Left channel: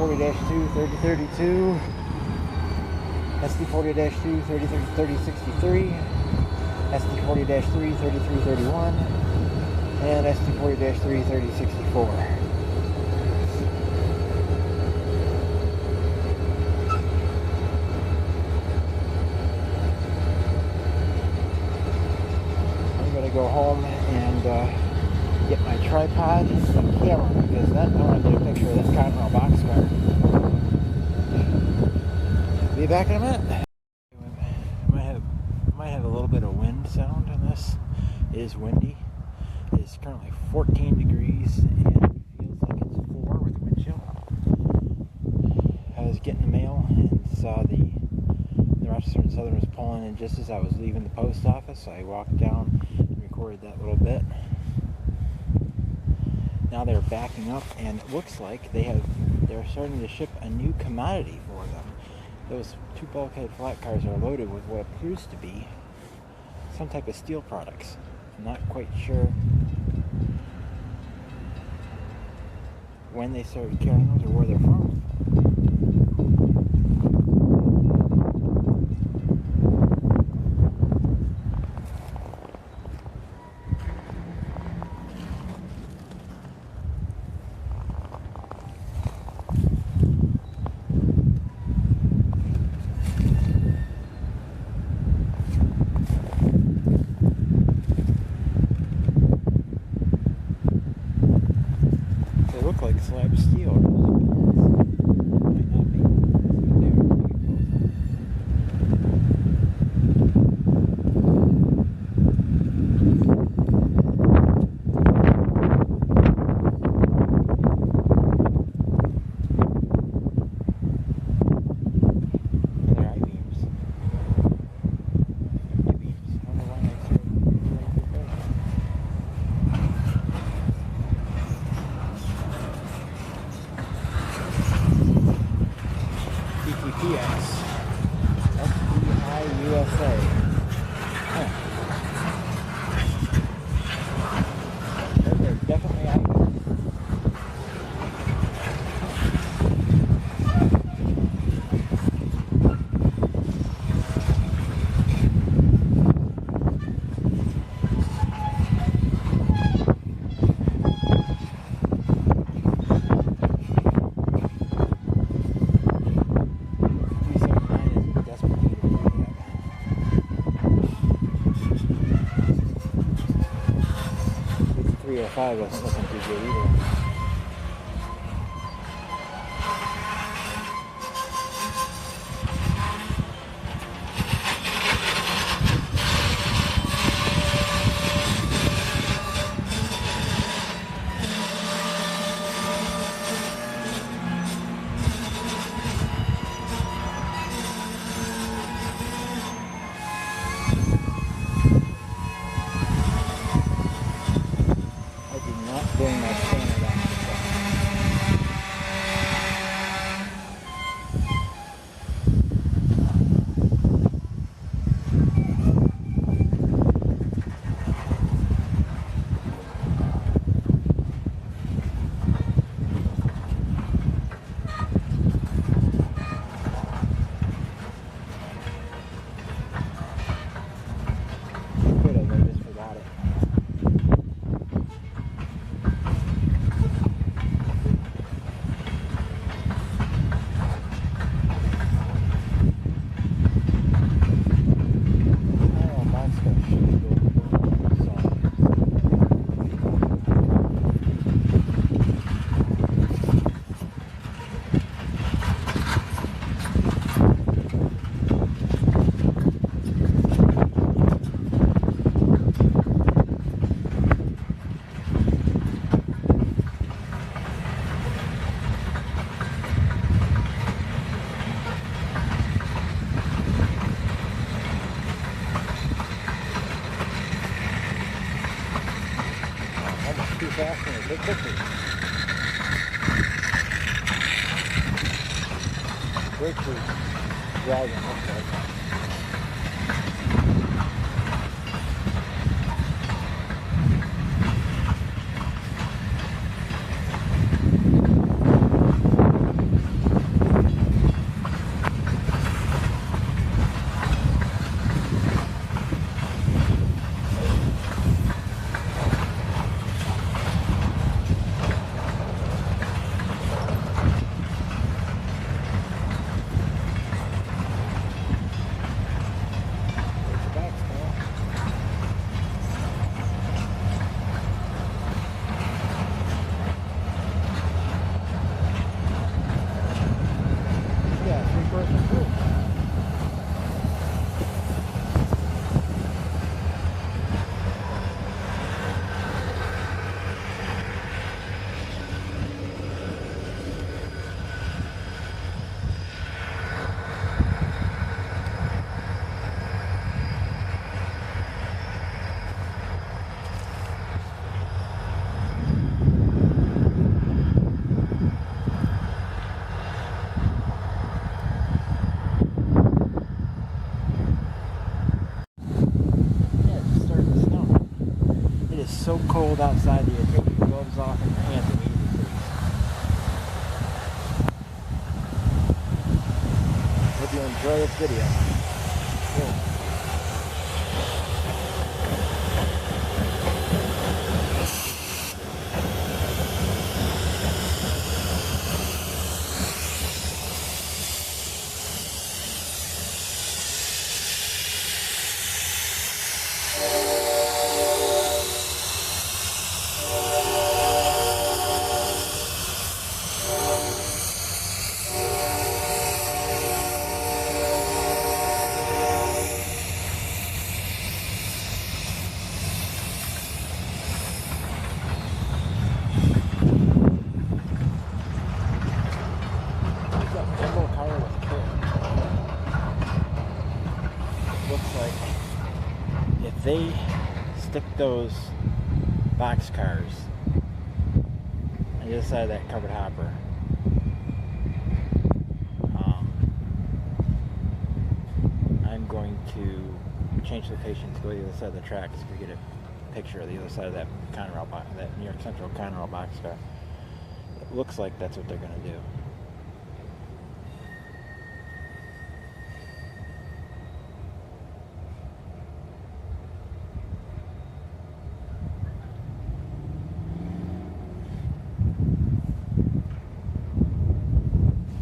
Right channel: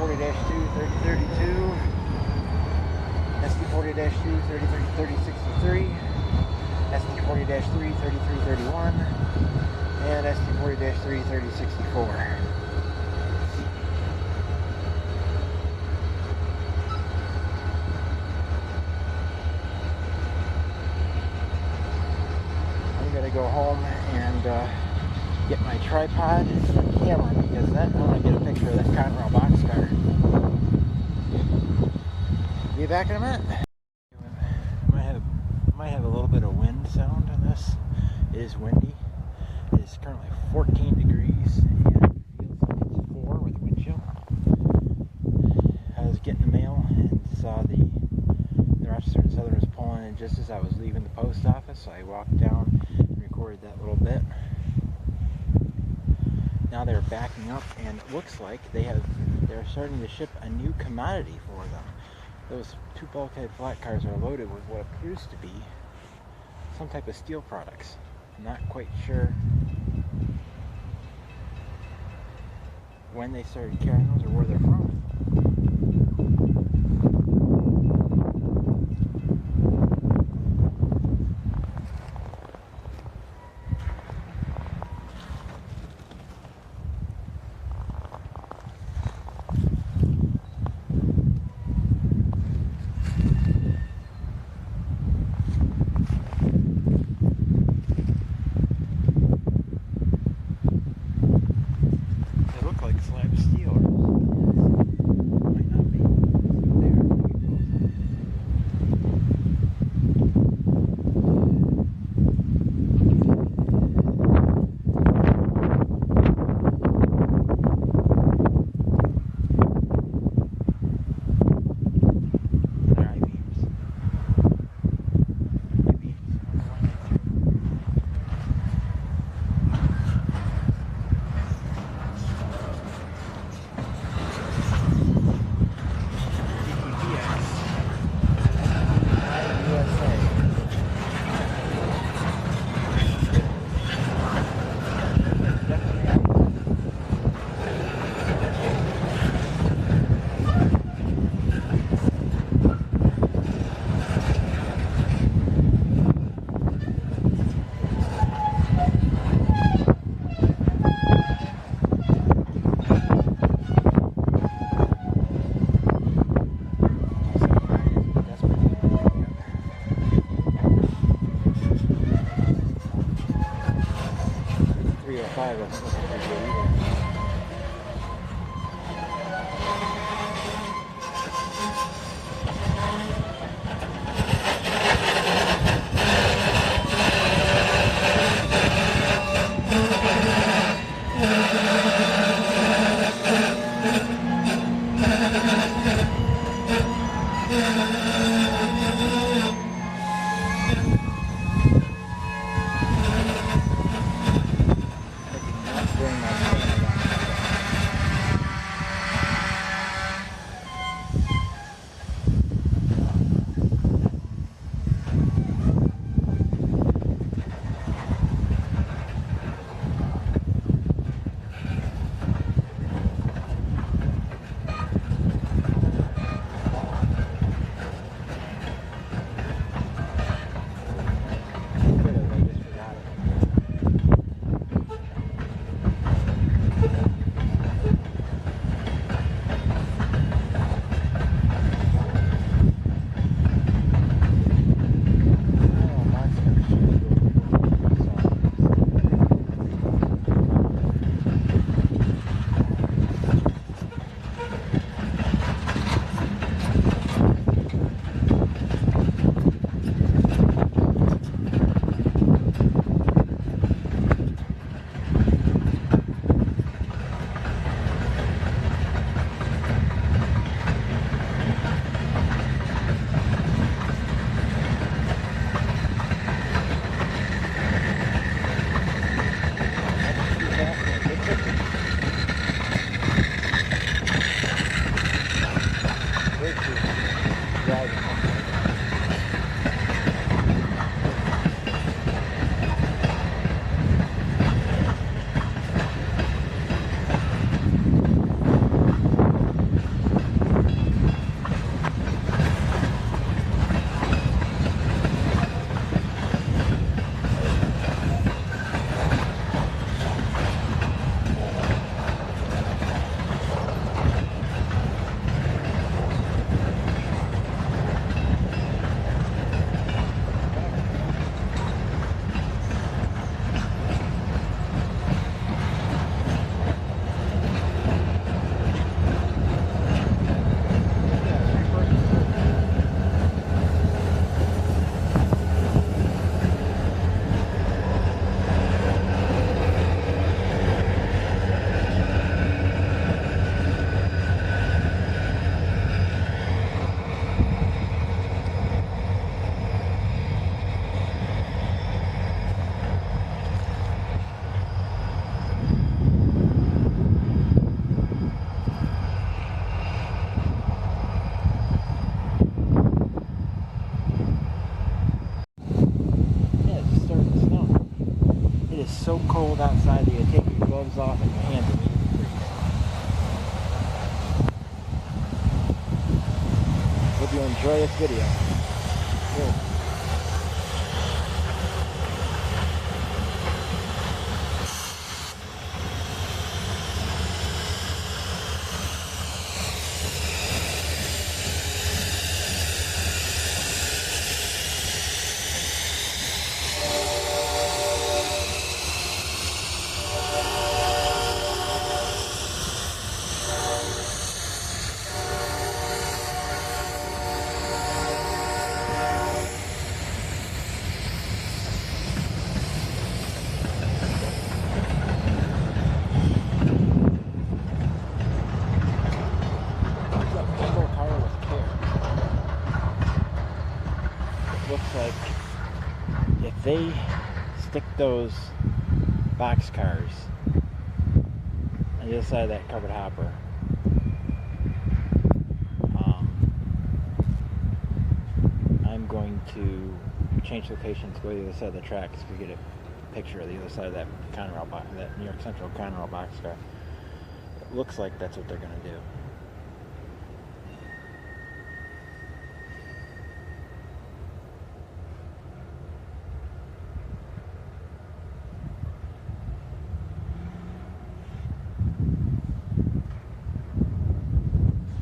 SD40-2 3032, SD40-2 3063, SD40-3 3331, and SD40-3 3064. Go home and get my tripod and my camera, because then I want to get a picture of that Conrail boxcar. Be back in a minute. Might have a little bit of wind sound on this. It is windy. It is currently 14 degrees and it feels like it's 4 with the wind chill. I was getting the mail and saw the Rochester and Southern was pulling in just as I was leaving the post office. So I walked down and recorded that little bit. Now they're backing up, and it looks like they're starting to ship a new commodity for them. Those 2 bulkhead flat cars are loaded with what appears to be some type of steel products. I'm not quite sure when they started carrying those or where they're from. They look like slab steel. Wasn't looking too good either. Bring my scanner down. Could have, I just forgot it. Where's the driving? is so cold outside that you take your gloves off and your hands immediately freeze. Hope you enjoy this video. Cool. Looks like if they stick those boxcars on the other side of that covered hopper, I'm going to change location to go to the other side of the tracks to get a picture of the other side of that Conrail, that New York Central Conrail boxcar. It looks like that's what they're going to do.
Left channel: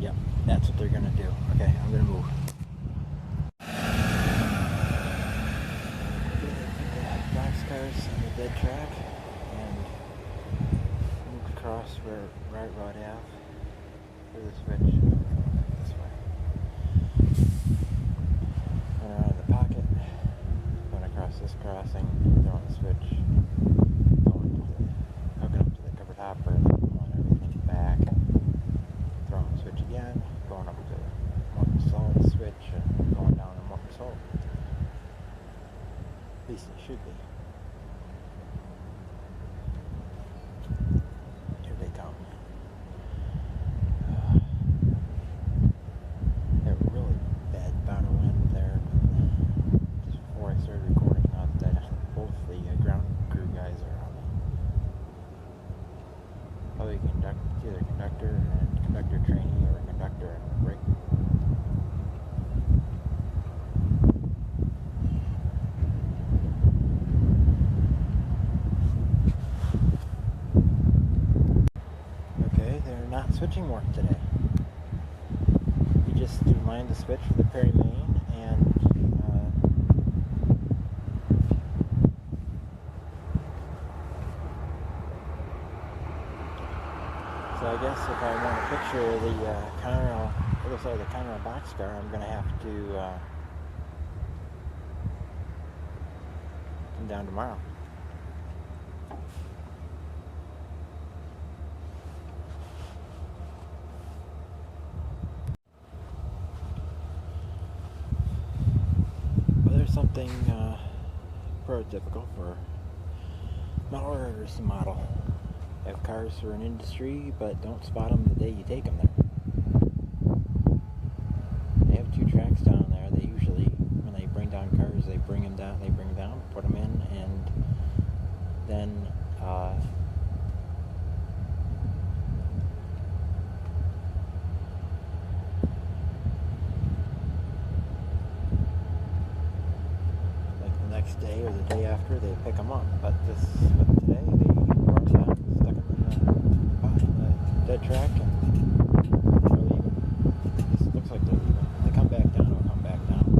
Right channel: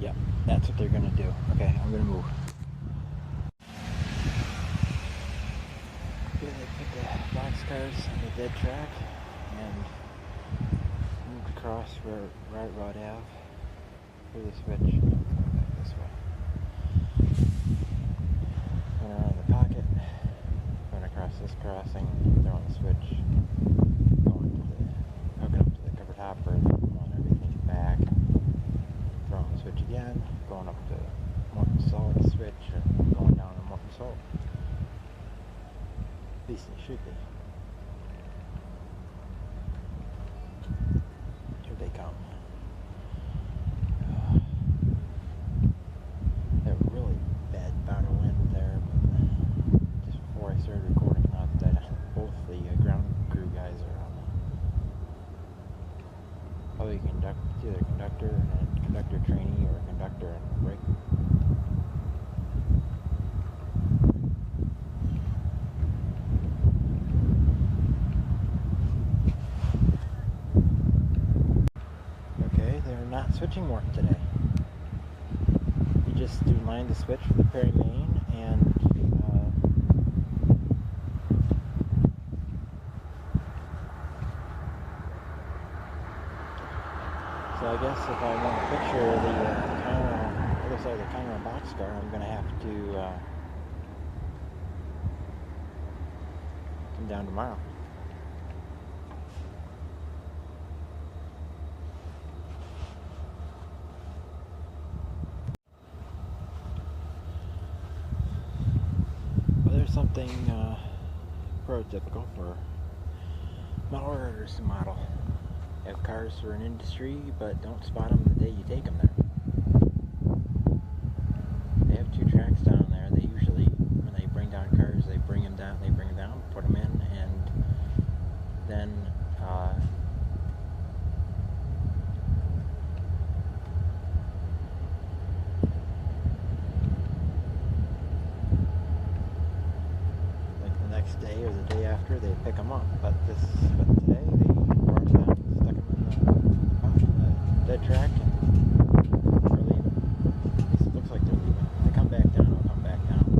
Yep, that's what they're gonna do. Okay, I'm gonna move. Okay, they put the boxcars on the dead track and moved across where Right Rod Ave for the switch. I'm coming back this way. Went around the pocket, going across this crossing, throwing the switch, hooking up to the covered hopper, pulling everything back. Throwing the switch again, going up to Morton Salt switch, and going down to Morton Salt. At least they should be. Here they come. Had a really bad bout of wind there, but just before I started recording, now that both the ground crew guys are on. Probably either conductor and conductor trainee or conductor and brake. Okay, they're not switching Morton today. He just aligned the switch for the Perry main and so I guess if I want a picture of the Conrail, other side of the Conrail boxcar, I'm going to have to come down tomorrow. Well, there's something prototypical for model orders to model. Have cars for an industry, but don't spot them the day you take them there. They have two tracks down there. They usually, when they bring down cars, they bring them down, put them in, and then like the next day or the day after, they pick them up. But today they brought them down, stuck them in the dead track, and they're leaving. At least it looks like they're leaving. If they come back down, they'll come back down.